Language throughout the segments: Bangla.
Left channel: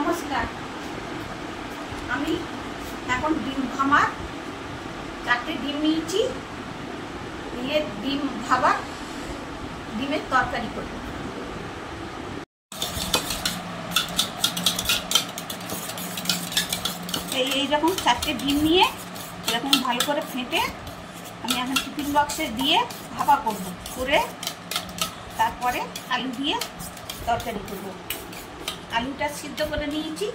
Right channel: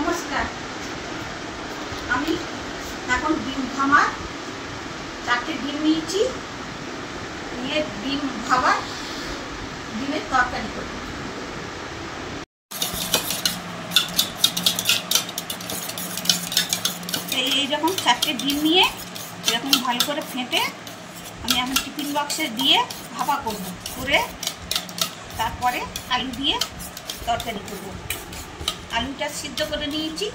নমস্কার। আমি এখন ডিম ভামার 4টে ডিম নিয়েছি, নিয়ে ডিম ভাবার ডিমের তরকারি করব। এইরকম 4টে ডিম নিয়ে এরকম ভালো করে ফেটে আমি এখন টিফিন বক্সে দিয়ে ভাপা করব, করে তারপরে আলু দিয়ে তরকারি করব। আলুটা সিদ্ধ করে নিয়েছি,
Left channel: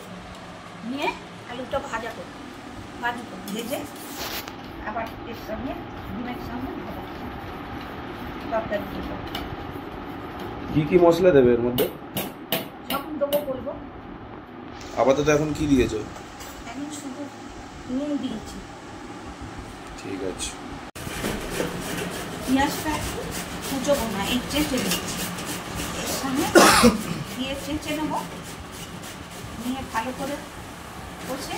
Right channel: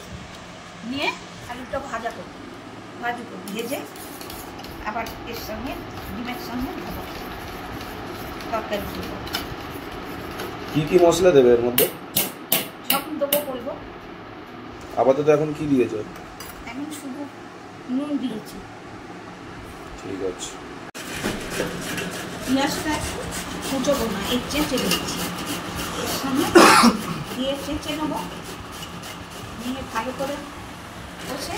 নিয়ে আলুটা ভাজবো, ভেজে আবার এর সঙ্গে ডিমের সঙ্গে ভাজা তরকারি করব। কি কি মশলা দেবে এর মধ্যে? সব দেবো বলবো। আপাতত এখন কি দিয়েছো? এখন শুধু নুন দিয়েছি। ঠিক আছে। পেঁয়াজটা কুচবো না, এই চেঁচে দিয়েছি, এর সঙ্গে দিয়ে চেঁচে নেবো, নিয়ে ভালো করে কষে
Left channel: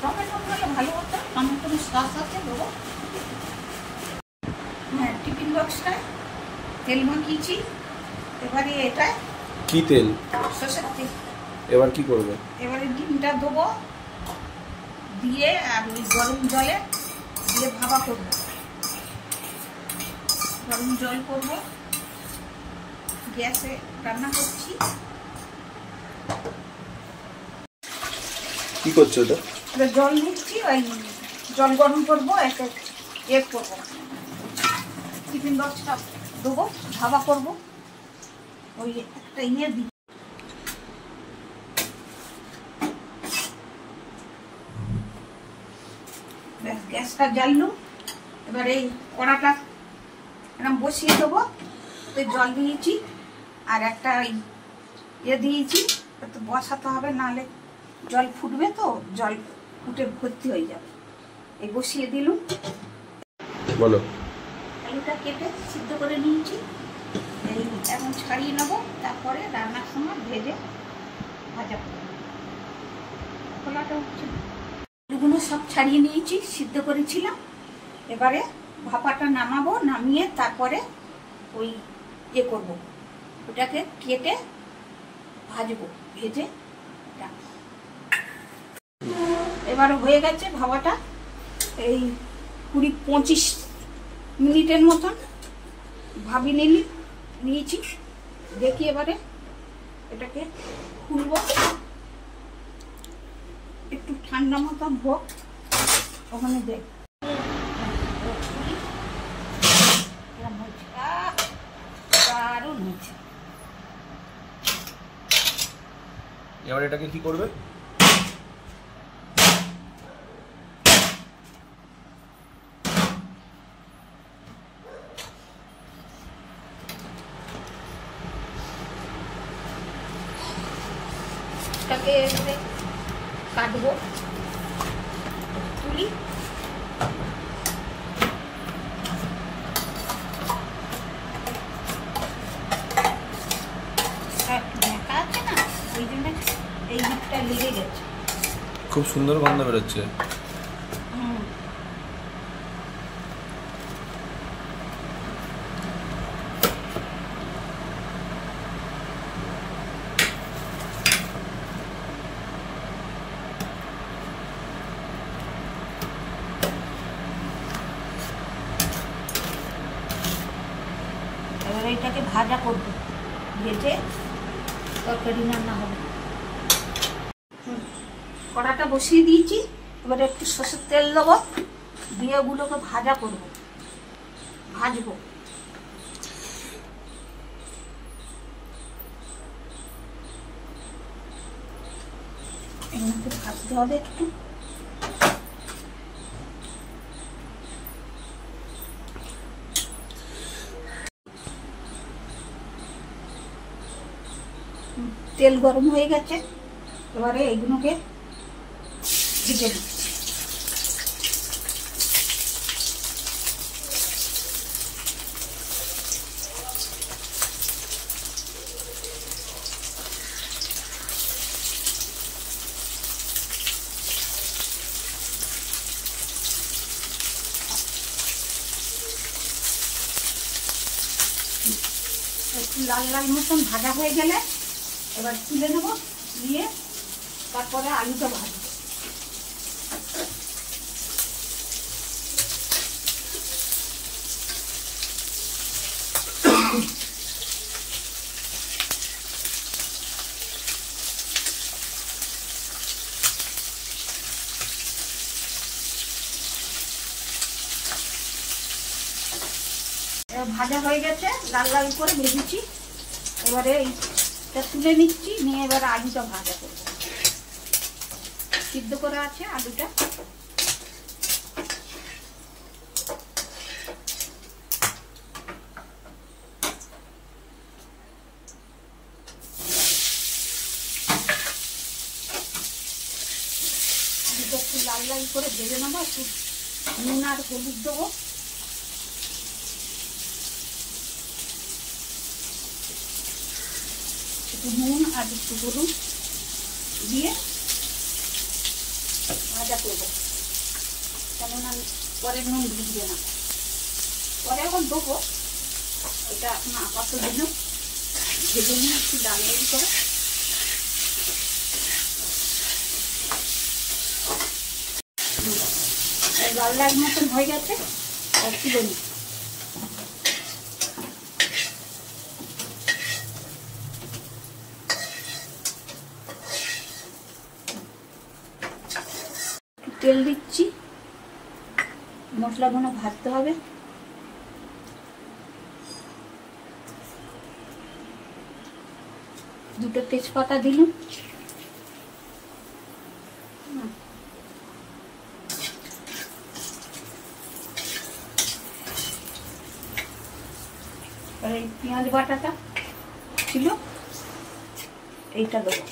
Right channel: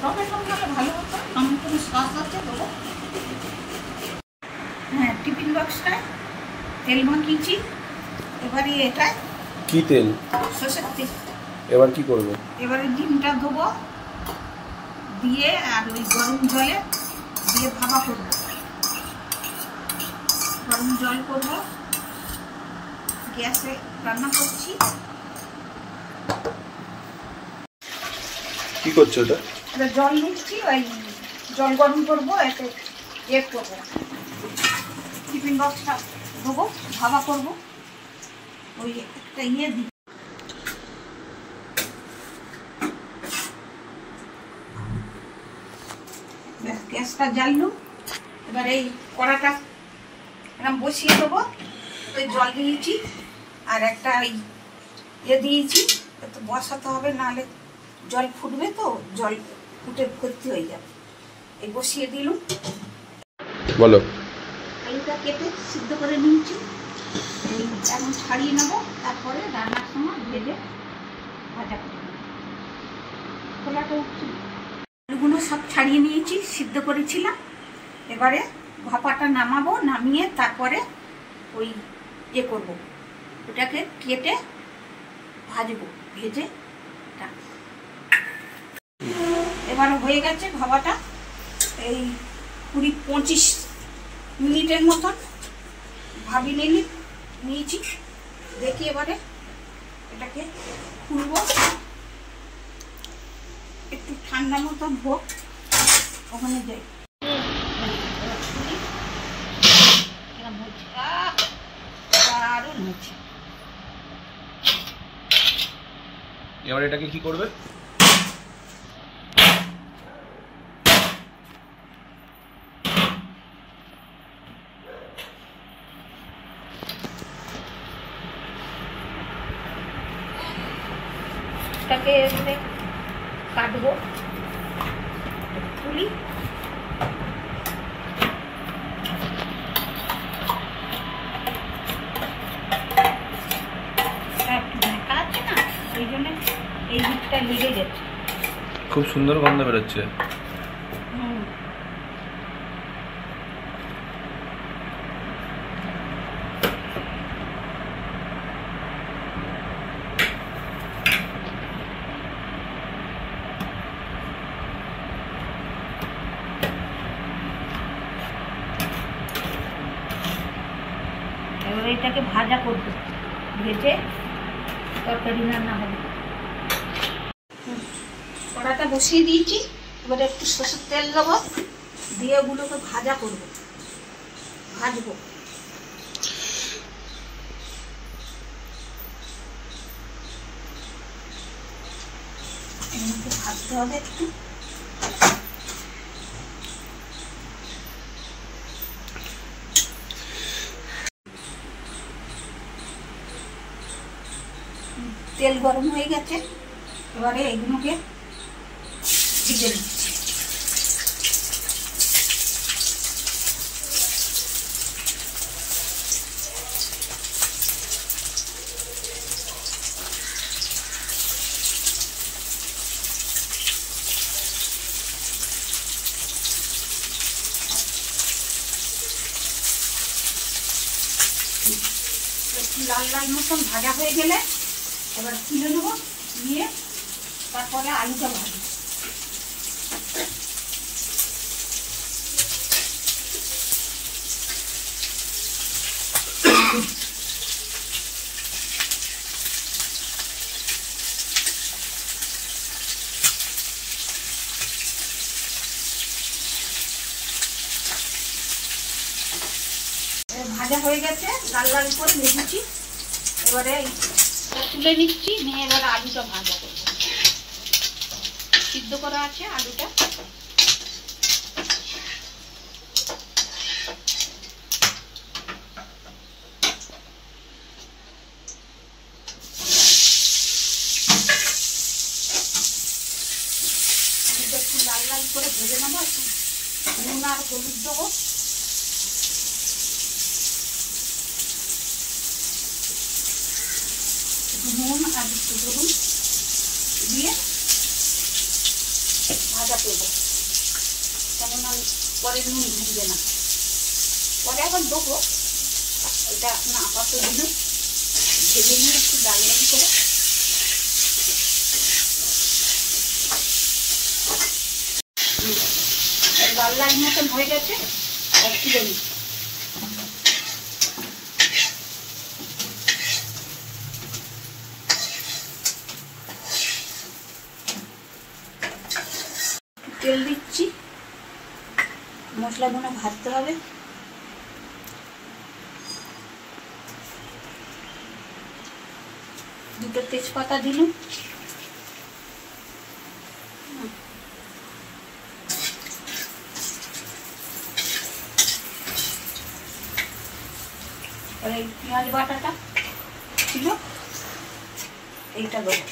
টমেটো হলে ভালো হতো, টমেটো সস আছে দেবো। হ্যাঁ, টিফিন বক্সটায় তেল মাখিয়েছি, এবারে এটায় কি তেল? সরষের তেল। এবার কি করবে? এবারে ডিমটা দেবো, দিয়ে আর ওই গরম জলে দিয়ে ভাপা করবো। গরম জল করব, গ্যাসে রান্না করছি। কি করছো এটা? এটা জল নিচ্ছি, ওই জল গরম করবো, এতে এর করবো, টিফিন বক্সটা দেবো, ভাপা করবো। ওই একটা দিই, গ্যাসটা জ্বাললুম। এবার এই কড়াটা এরকম বসিয়ে দেবো, ওই জল দিয়েছি আর একটা দিয়েছি, তো বসাতে হবে, নাহলে জল ফুটবে, তো জল ফুটে ভর্তি হয়ে যাবে। এই বসিয়ে দিলুম। বলো। আলুটা কেটে সিদ্ধ করে নিয়েছি, এই এখন ছাড়িয়ে নেবো, তারপরে রান্নার সময় ভেজে ভাজা করবো। খোলাটা উঠছে, আলুগুলো সব ছাড়িয়ে নিয়েছি, সিদ্ধ করেছিলাম। এবারে ভাপাটা নামাবো, নামিয়ে তারপরে ওই করব, ওটাকে কেটে ভাজবো, ভেজে রাখবো। এবারে হয়ে গেছে ভাপাটা, এই 20-25 মিনিটের মতন ভাবিয়ে নিয়েছি। দেখি এবারে এটাকে খুলবো, একটু ঠান্ডা মতন হোক, ওখানে যাই। দারুণ হয়েছে। এবার এটাকে কি করবে? এটাকে কাটবো, তুলি। আছে না, ওই জন্য এই দিকটা লেগে গেছে। খুব সুন্দর গন্ধ বেরোচ্ছে। এবার এটাকে ভাজা করবো, ভেজে তরকারি রান্না হবে। কড়াটা বসিয়ে দিয়েছি, এবারে একটু সরষের তেল দেবো, দিয়ে ওগুলোকে ভাজা করবো, ভাজবো। এমনিতে ভাজতে হবে একটু। তেল গরম হয়ে গেছে, এবারে এগুলোকে ভেজে নিচ্ছি। একটু লাল লাল মতন ভাজা হয়ে গেলে এবার তুলে নেব। নিয়ে তারপরে আলুটা ভাজবো। ভাজা হয়ে গেছে, লাল লাল করে ভেজেছি। এবারে তুলে নিচ্ছি, নিয়ে এবারে আলুটা ভাজা করবো। সিদ্ধ করা আছে আলুটা। আলুটা একটু লাল লাল করে ভেজে নেবো, একটু নুন আর হলুদ দেবো। নুন আর একটু হলুদ দিয়ে ভাজা করবো, কেননা পরে নুন দিবে না, পরে আবার দেবো। এটা না আপাতত দিন ভেজে নিয়ে একটু ডাল ডাল করে লাল লাল মতন হয়ে গেছে, আর তুলে নিই। তেল দিচ্ছি, মশলাগুলো ভাজতে হবে। দুটো তেজপাতা দিলাম, আর এই পেঁয়াজ বাটাটা ছিল এইটা দেবো।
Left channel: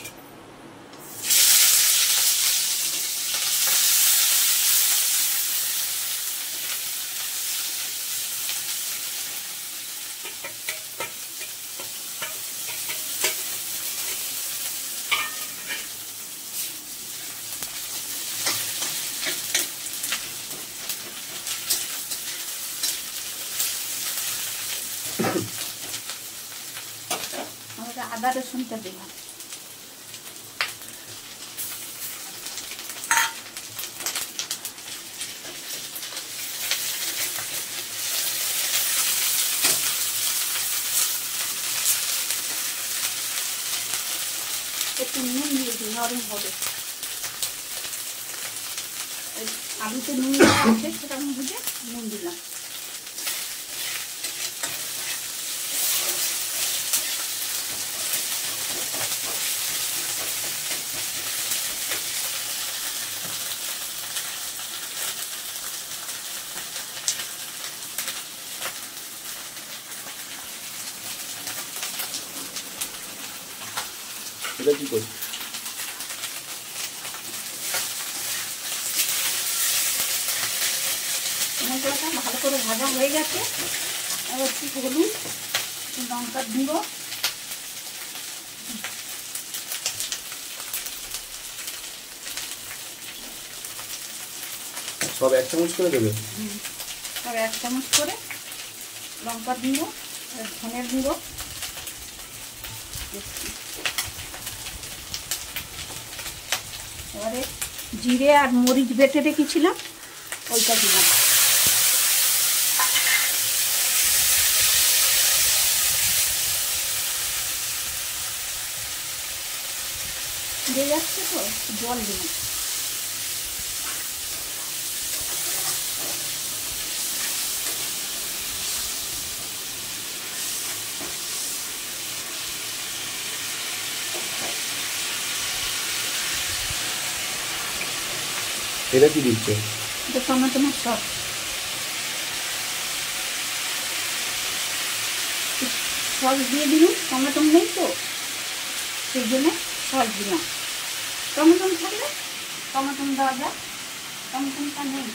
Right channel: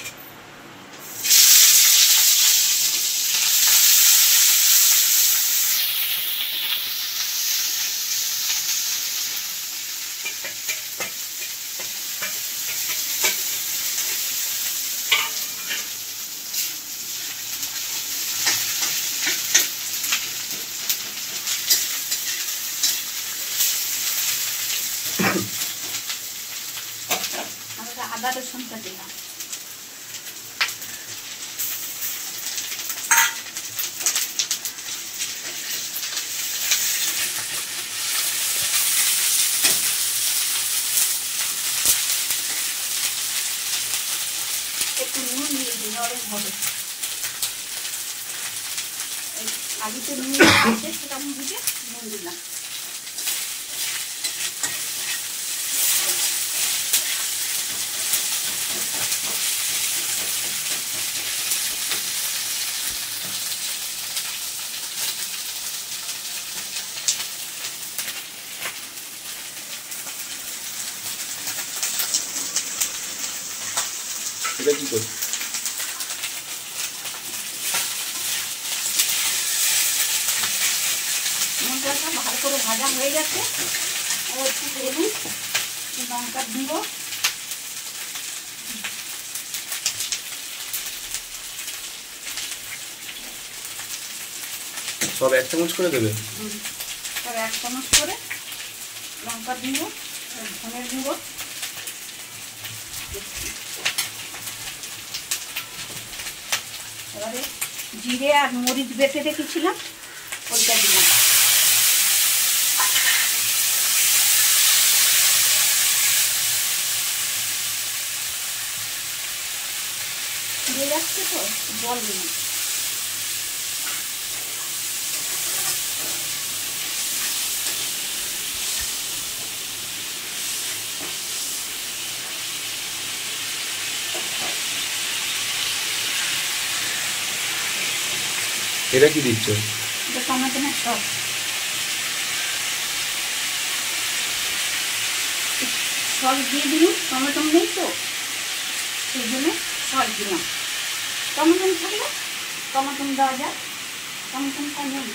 আমরা আদা রসুনটা দিলাম। একটু নুন দিয়ে দিই, নরম হবে। আলুতে নুন আছে, সেটা আমি বুঝে নুন দিলাম। এটা কি করবো? মশলাটা ভালো করে ভাজা হয়ে গেছে। আবার একটু হলুদ, লঙ্কা দিব, সব 1 চামচ করে দেবে? আর 1 চামচ করে লঙ্কা দিব, আর ধনের গুঁড়ো। এবারে জিরে আর মরিচ বেটে রেখেছিলাম, ওইটা দিলাম। দিয়ে যাচ্ছে তো, জল দিলাম। এটা কি দিচ্ছ? এটা টমেটোর সস। সস দিয়ে দিলাম, টমেটো নেই তো সেই জন্য সস দিলাম। টমেটো থাকলে টমেটো দেওয়া যায়, টমেটোটা নেই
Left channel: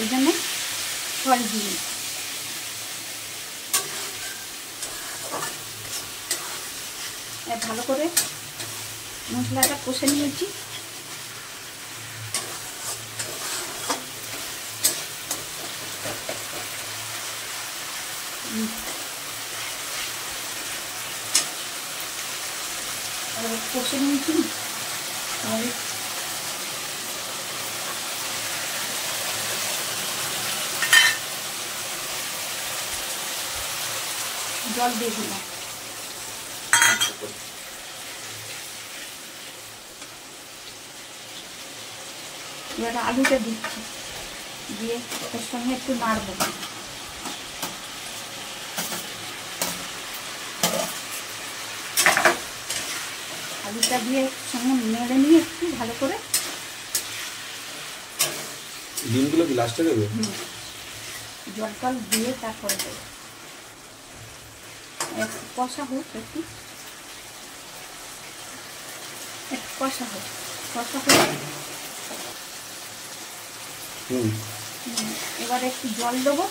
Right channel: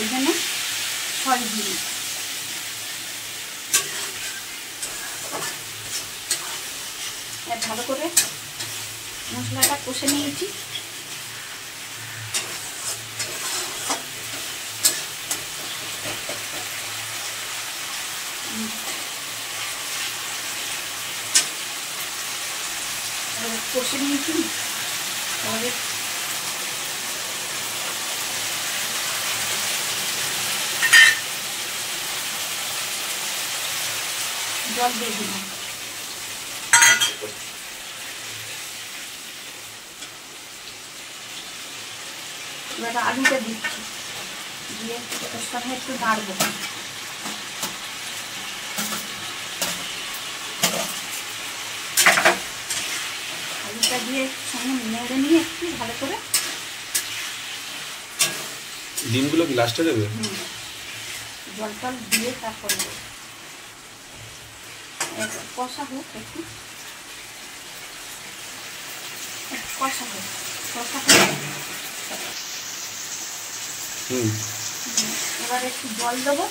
এই জন্য সস দিই। ভালো করে মশলাটা কষে নিয়েছি। এবারে কষে নিয়েছি, এবারে জল দিয়ে দিলাম। এবারে আলুটা দিচ্ছি, দিয়ে ওর সঙ্গে একটু নাড়বো। আলুটা দিয়ে সঙ্গে নেড়ে নিয়ে একটু ভালো করে। ডিমগুলো কি লাস্টে দেবে? জল টল দিয়ে তারপরে কষা হোক, একটু কষা হোক, কষা হোক। এবারে একটু জল দেবো,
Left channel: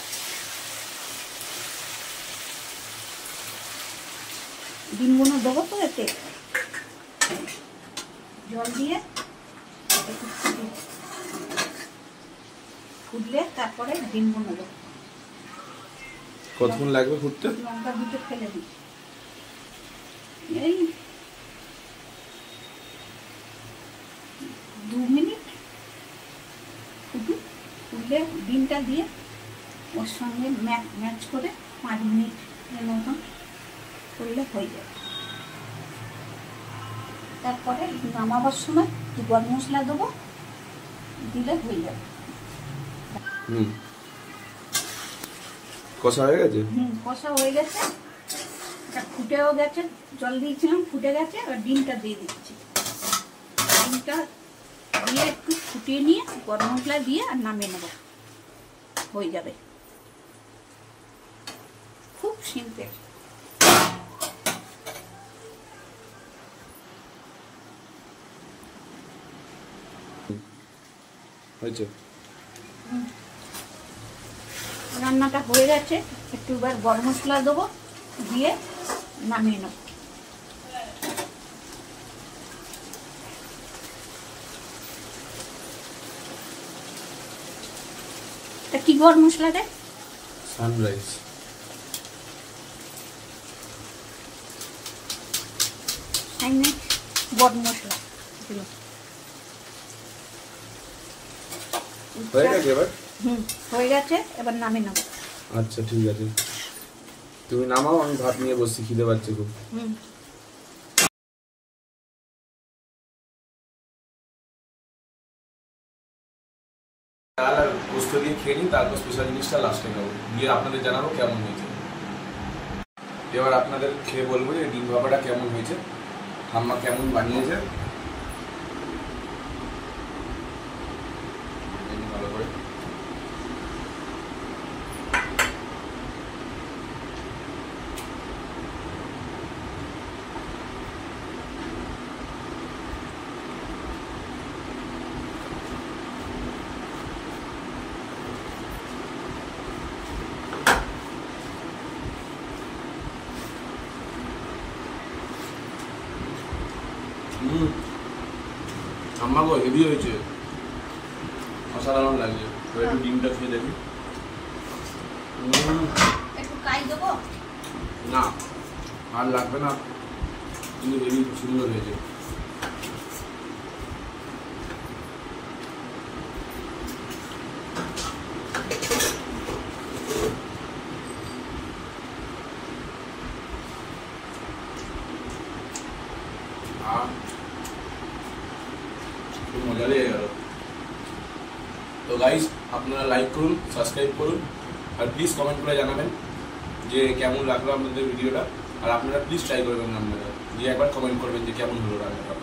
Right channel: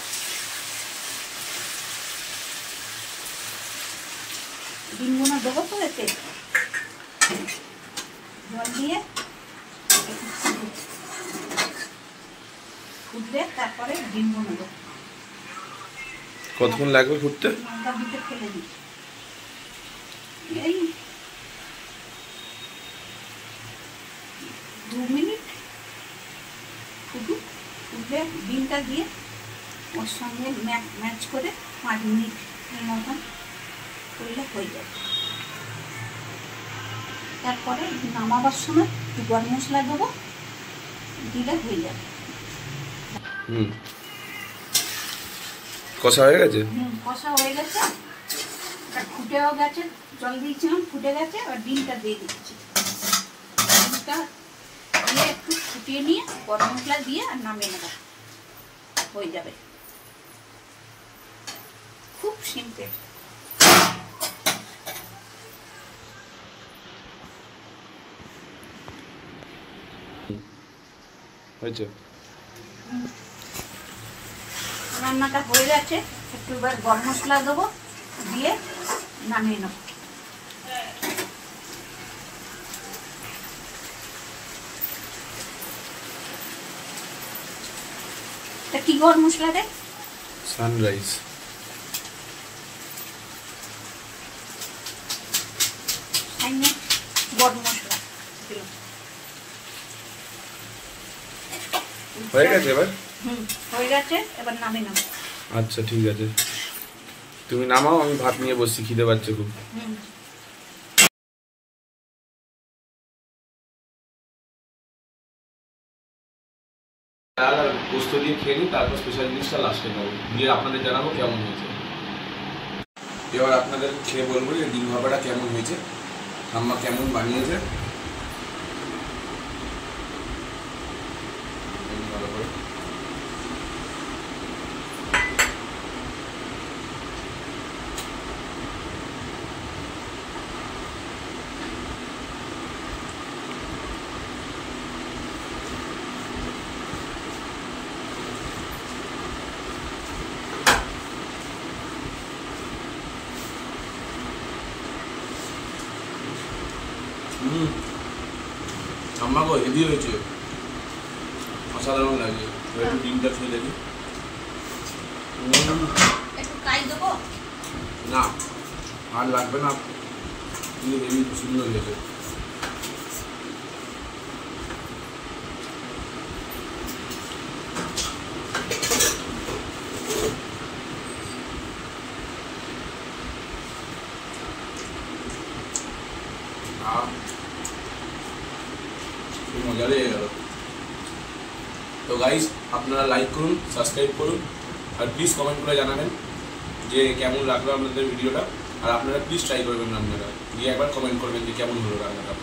ডিমগুলো দেবো তো এতে, জল দিয়ে ফুটলে তারপরে ডিমগুলো দেবো। কতক্ষণ লাগবে ফুটতে? লঙ্কা দিতে ফেলে দিই, এই 2 মিনিট ফুটুক। ফুটলে ডিমটা দিয়ে ওর সঙ্গে ম্যাচ করে 5 মিনিটের মতন করলে হয়ে যাবে। তারপরে নামাবার সময় একটু গরম মশলা দেবো, দিলে হয়ে যাবে। কষা হয়ে গেছে? কষা হয়ে গেছে, এটা ফুটেও গেছে, জল দিয়েছিলাম ফুটে গেছে। আর ডিমটা দিয়ে দিচ্ছি, ডিমটা দিয়ে একটু ফুটিয়ে নিয়ে গরম মশলা দিয়ে আর নামিয়ে নেব, হয়ে যাবে। খুব সিম্পল। হয়েছে? রান্নাটা হয়ে গেছে, একটু এবার গরম মশলা দেবো, দিয়ে নামিয়ে নেব। এটা কি গরম মশলা রে? সানরাইজ। গরম মশলা দিলাম। হয়ে গেছে এবার? হয়ে গেছে, এবার নামিয়ে নেব। আচ্ছা ঠিক আছে, তুমি নামাও, আমি ভাত নিয়ে বসছি, খিদে পাচ্ছে খুব। আর পোস্ত দিয়ে খেয়ে নিই, তারপর স্পেশাল জিনিসটা লাস্টে খাবো, দিয়ে আপনাদের জানাবো কেমন হয়েছে। এবার আপনাদের খেয়ে বলবো যে ডিম ভাপাটা কেমন হয়েছে, ঠাম্মা কেমন বানিয়েছে। ভালো করে ঠাম্মা গো, হেভি হয়েছে, অসাধারণ লাগছে। একটু ডিমটা খেয়ে দেখি। একটু কাই দেবো না, আর লাগবে না, কিন্তু হেভি সুন্দর হয়েছে। খুব মজা লেগে গেল। তো গাইস, আপনারা লাইক করুন, সাবস্ক্রাইব করুন, আর প্লিজ কমেন্ট করে জানাবেন যে কেমন লাগলো আপনাদের ভিডিওটা। আর আপনারা প্লিজ ট্রাই করবেন রান্নাটা, দিয়ে একবার কমেন্ট করবেন যে কেমন হলো রান্নাটা।